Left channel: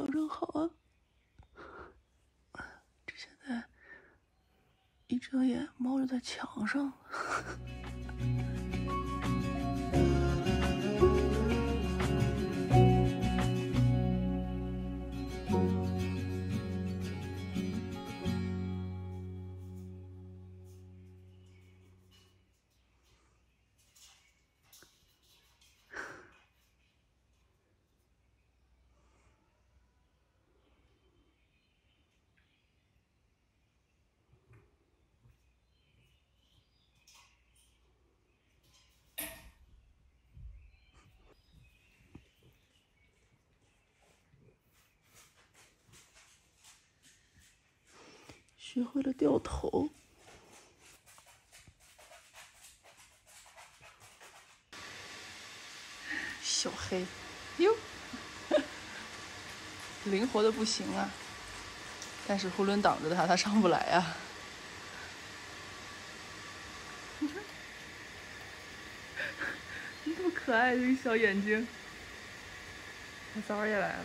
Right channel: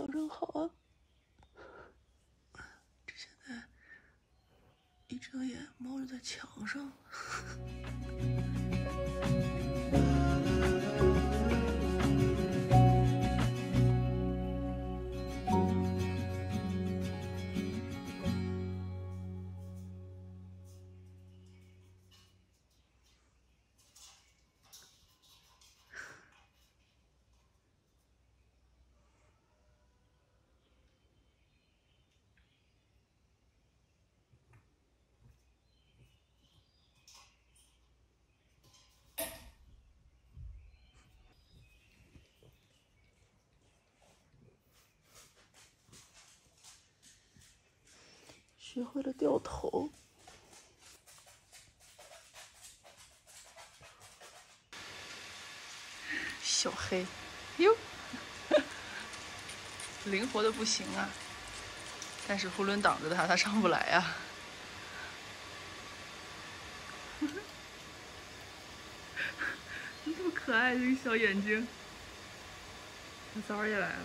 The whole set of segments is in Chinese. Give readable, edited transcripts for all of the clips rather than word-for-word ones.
调整好啊！这现在一睁眼，猫就在墙上。学会了掉头。小黑，哟，灵活的不行啊！但是囫囵挡着它，它上不来啊。多可爱的一个小眼睛！小枣也来了。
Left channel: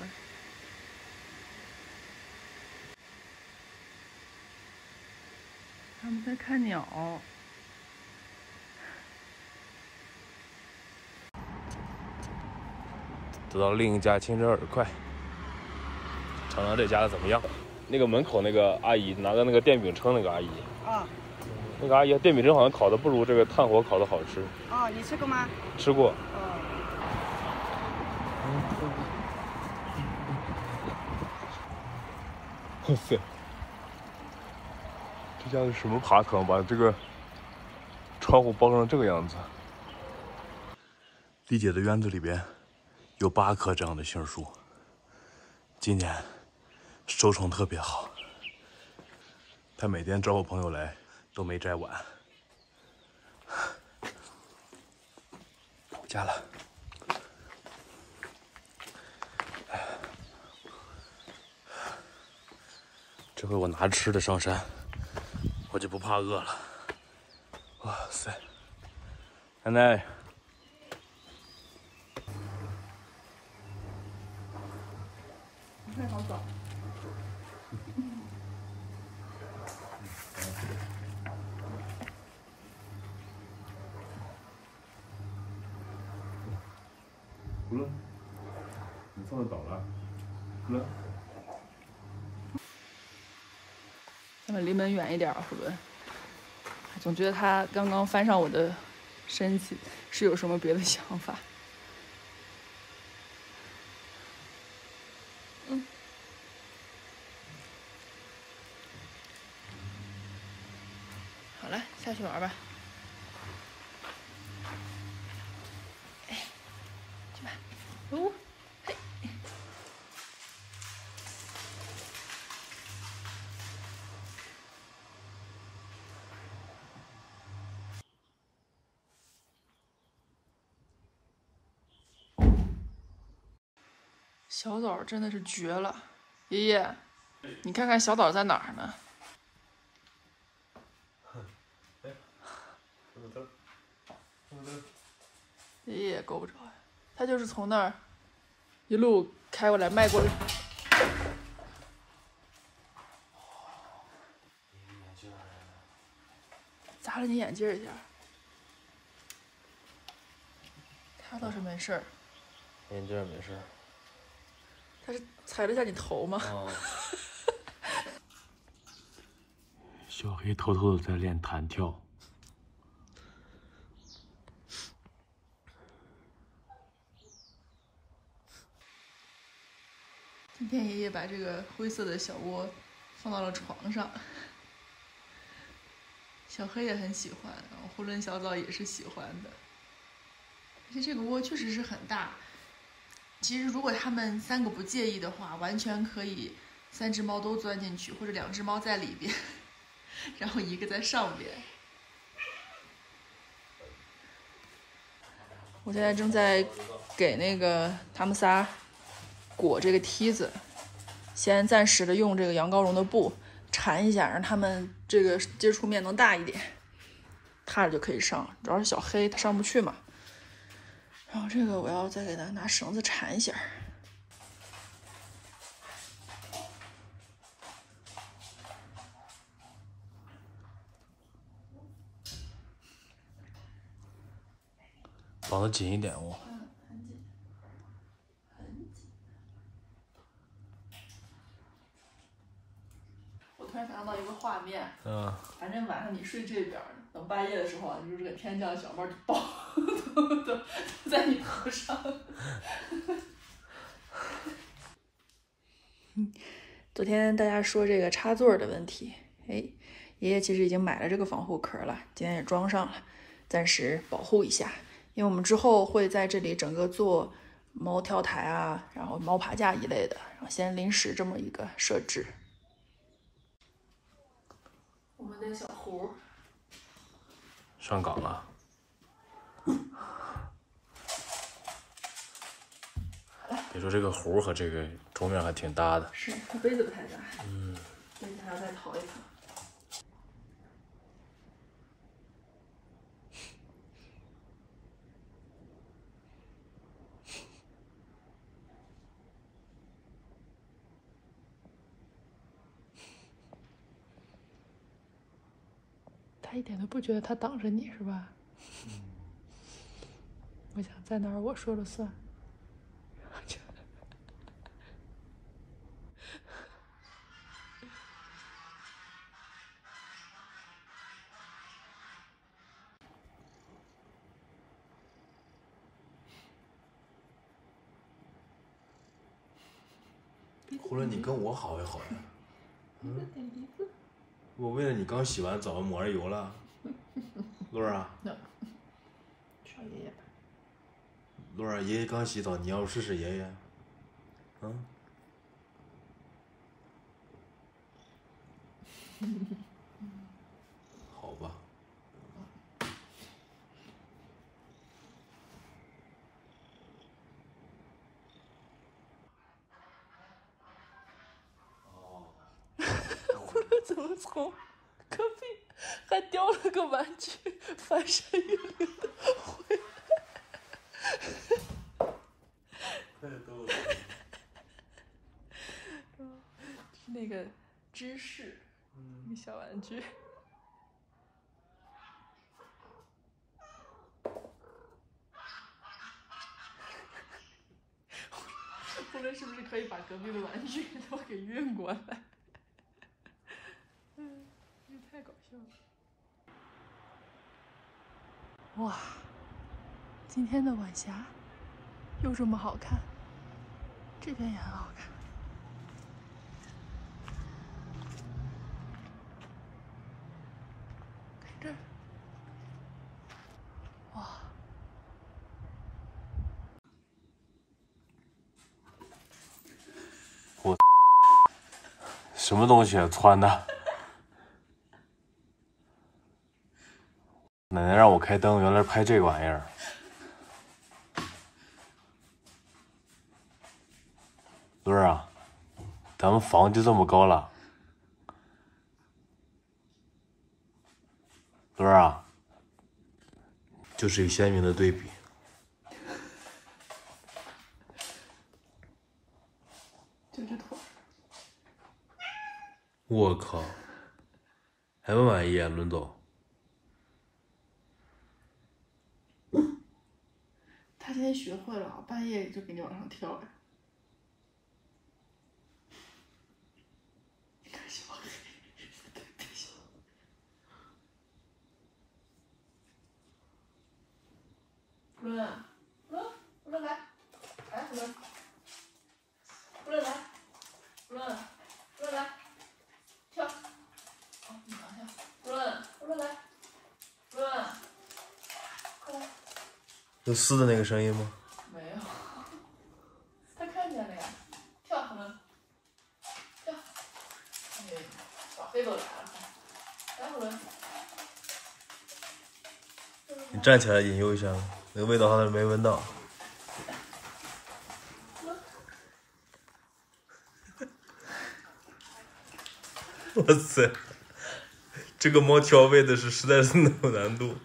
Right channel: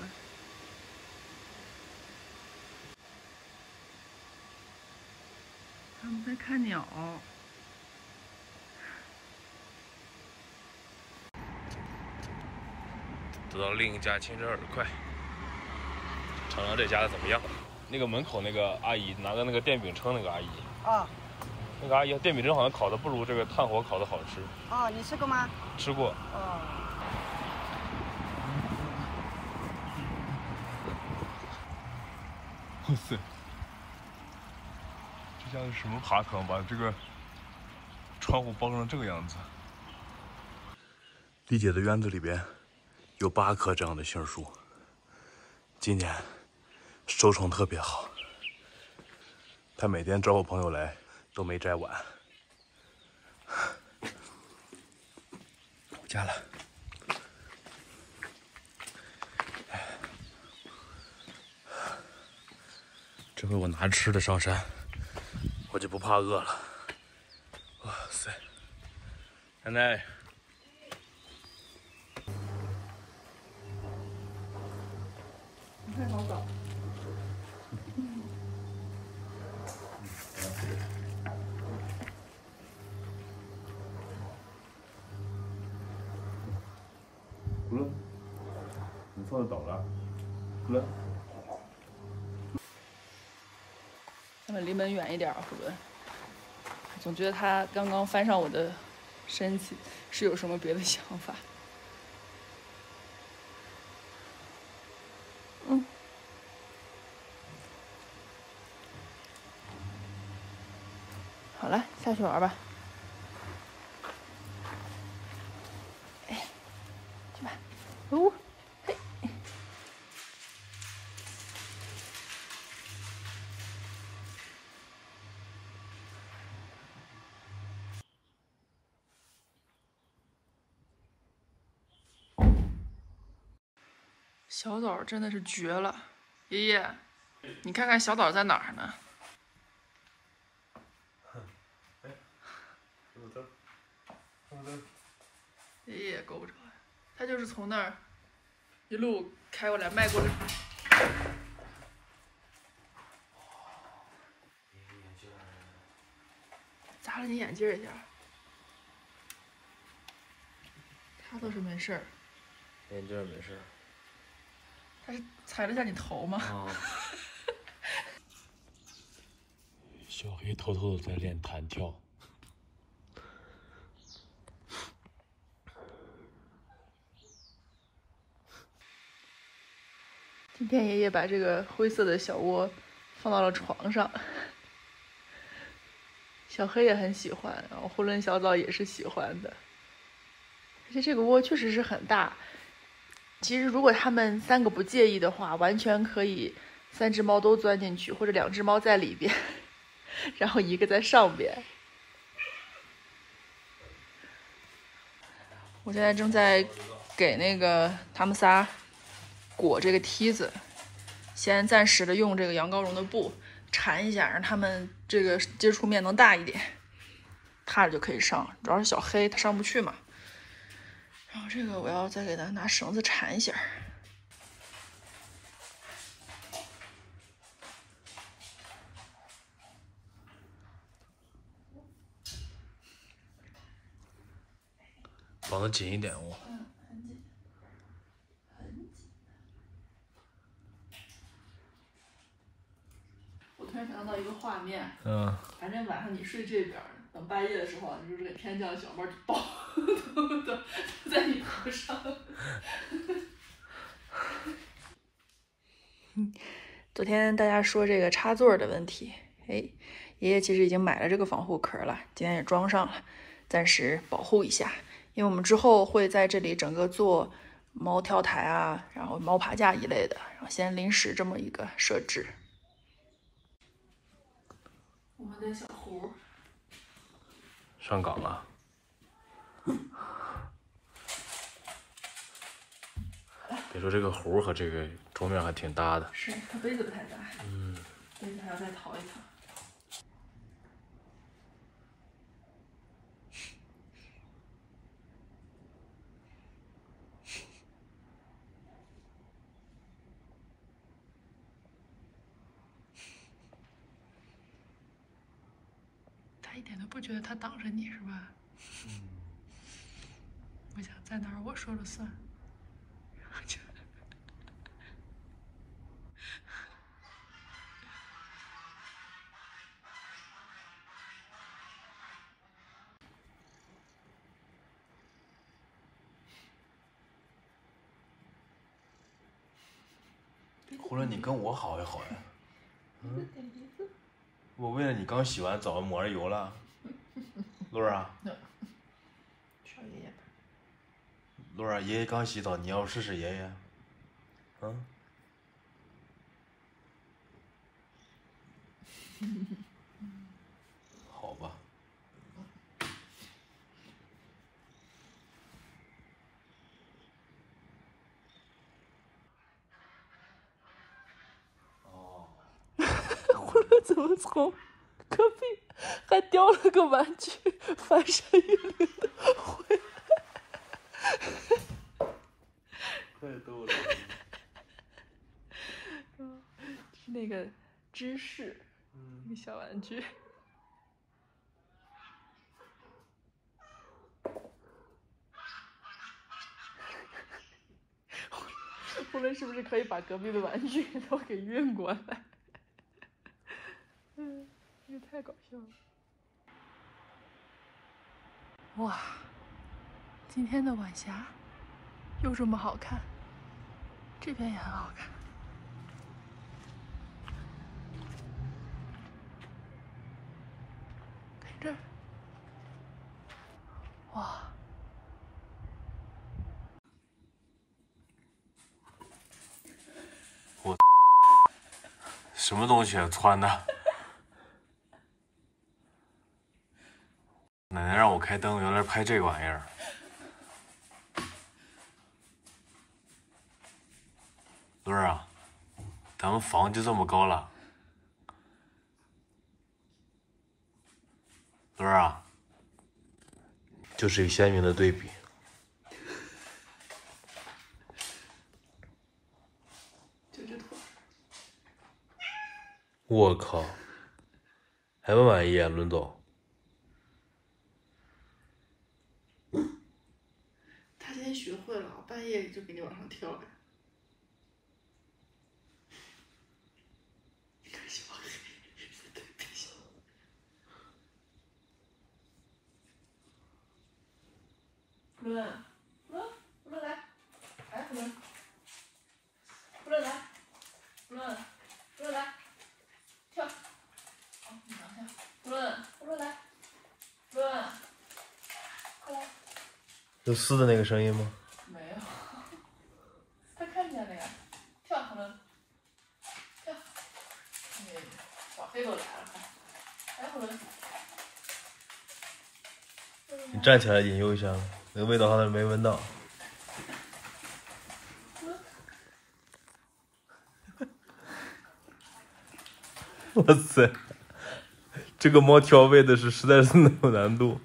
他们在看鸟。走到另一家清真饵块，尝尝这家的怎么样？那个门口那个阿姨拿着那个电饼铛，那个阿姨啊，那个阿姨电饼铛好像烤的不如这个炭火烤的好吃。啊，你吃过吗？吃过。啊。哇塞，这家是什么爬坑？把这个窗户包成这个样子。丽姐的院子里边有8棵这样的杏树，今年收成特别好。她每天招呼朋友来都没摘完。回家了。这回我拿吃的上山，我就不怕饿了。哇塞，奶奶。你看好早。葫芦，你放的早了。葫芦。要不离门远一点，会不会？总觉得他刚刚翻上我的身体，是有什么别的想法？好了，下去玩吧。哎呀，去吧。哦。小枣真的是绝了，爷爷，你看看小枣在哪儿呢？爷爷也够不着，他就是从那儿一路开过来迈过来。砸了你眼镜一下，他倒是没事儿。眼镜没事。他是踩了一下你头吗？哦。小黑偷偷的在练弹跳。今天爷爷把这个灰色的小窝放到了床上，小黑也很喜欢，然后囫囵小枣也是喜欢的。而且这个窝确实是很大，其实如果他们3个不介意的话，完全可以3只猫都钻进去，或者2只猫在里边，然后一个在上边。我现在正在给那个他们仨裹这个梯子，先暂时的用这个羊羔绒的布缠一下，让他们这个接触面能大一点，踏着就可以上。主要是小黑他上不去嘛。然后这个我要再给他拿绳子缠一下。绑得紧一点哦。嗯，很紧，很紧。我突然想到一个画面，反正晚上你睡这边，等半夜的时候，你就这个天降小猫就爆都在你头上。昨天大家说这个插座的问题，哎，爷爷其实已经买了这个防护壳了，今天也装上了，暂时保护一下。因为我们之后会在这里整个做猫跳台啊，然后猫爬架一类的，然后先临时这么一个设置。我们的小胡上岗了。别说这个壶和这个桌面还挺搭的。是，它杯子不太大。杯子还要再淘一层。他一点都不觉得他挡着你是吧？我想在哪儿我说了算。胡伦，你跟我好也好呀。我为了你刚洗完澡抹上油了。露儿啊。找爷爷吧。露儿，爷爷刚洗澡，你要试试爷爷。好吧。胡伦怎么从隔壁还叼了个玩具，翻山越岭的回来？太逗了。是那个芝士，一个小玩具。胡伦是不是可以把隔壁的玩具都给运过来？这太搞笑了！哇，今天的晚霞又这么好看，这边也很好看。看这儿，哇！什么东西穿的？奶奶让我开灯，原来拍这个玩意儿。露儿啊，咱们房就这么高了。露儿啊，就是一个鲜明的对比。这只腿。我靠，还不满意啊，伦总？他今天学会了，半夜就给你往上跳了。胡伦，胡伦来，来胡伦，胡伦来，胡伦，胡伦来，跳，哦，你拿下，胡伦来，胡伦，快来。有撕的那个声音吗？没有，他看见了呀，跳胡伦，跳，小黑都来了，来胡伦。你站起来引诱一下，那个味道好像没闻到。哇塞，这个猫挑喂的是实在是有难度。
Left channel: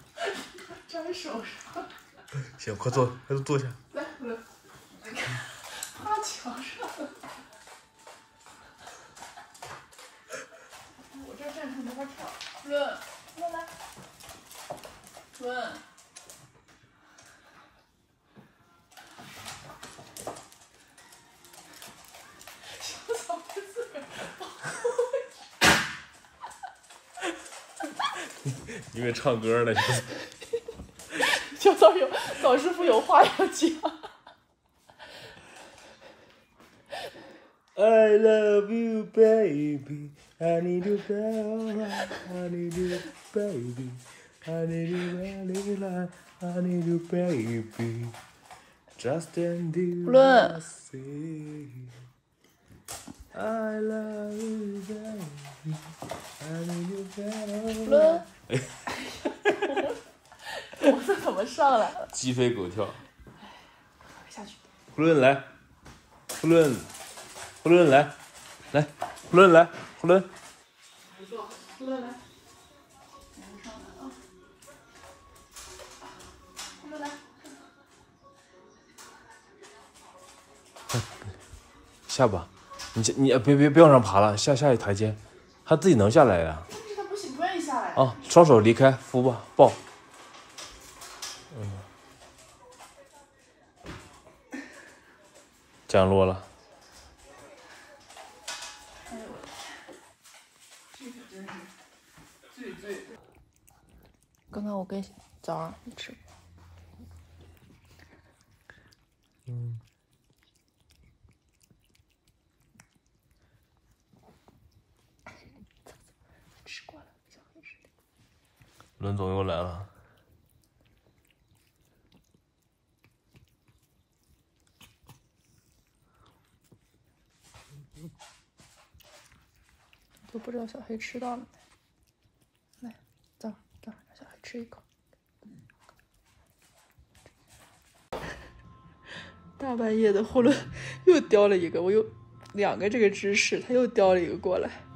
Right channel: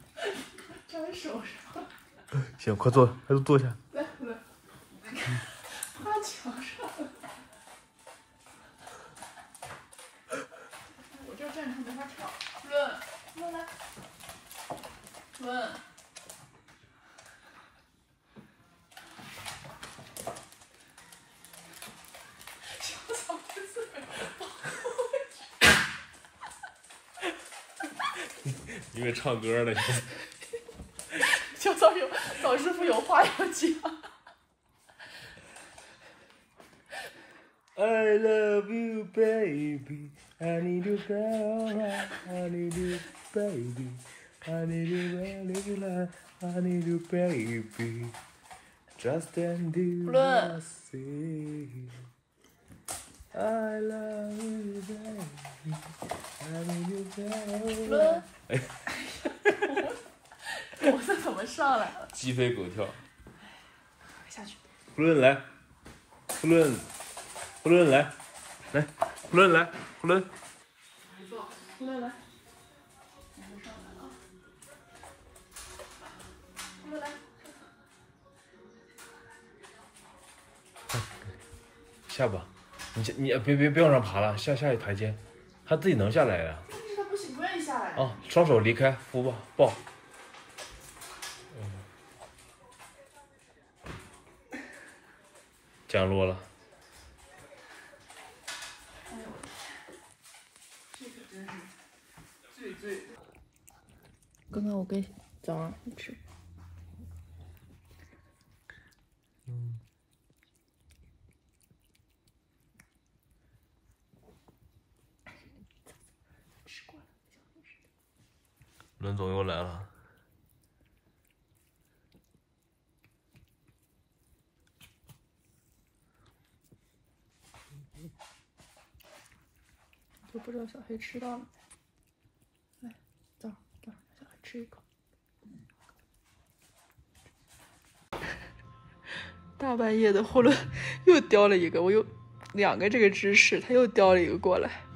粘手上。行，快坐，快坐下。来，胡伦，趴墙上。我这站上没法跳。胡伦，胡伦来，胡伦。因为唱歌呢。小枣师傅有话要讲。I love you, baby. I need you, baby. I need you, baby. I need you, baby. I need you, baby. Just and you see. I love you, baby. I need you, baby. 我这怎么上来了？鸡飞狗跳。下去。呼伦来，呼伦来，来，呼伦来，呼伦。呼伦来。我上来了。呼伦来。下吧，你别往上爬了，下一台阶，他自己能下来呀。但是他不愿意下来。啊，双手离开，扶吧，抱。降落了。哎呦我的天，这可真是最。刚刚我跟早上吃。吃过了，小黑吃的。伦总又来了。都不知道小黑吃到了没。来，走，让小黑吃一口。大半夜的，呼伦又叼了一个，我有2个这个姿势，他又叼了一个过来。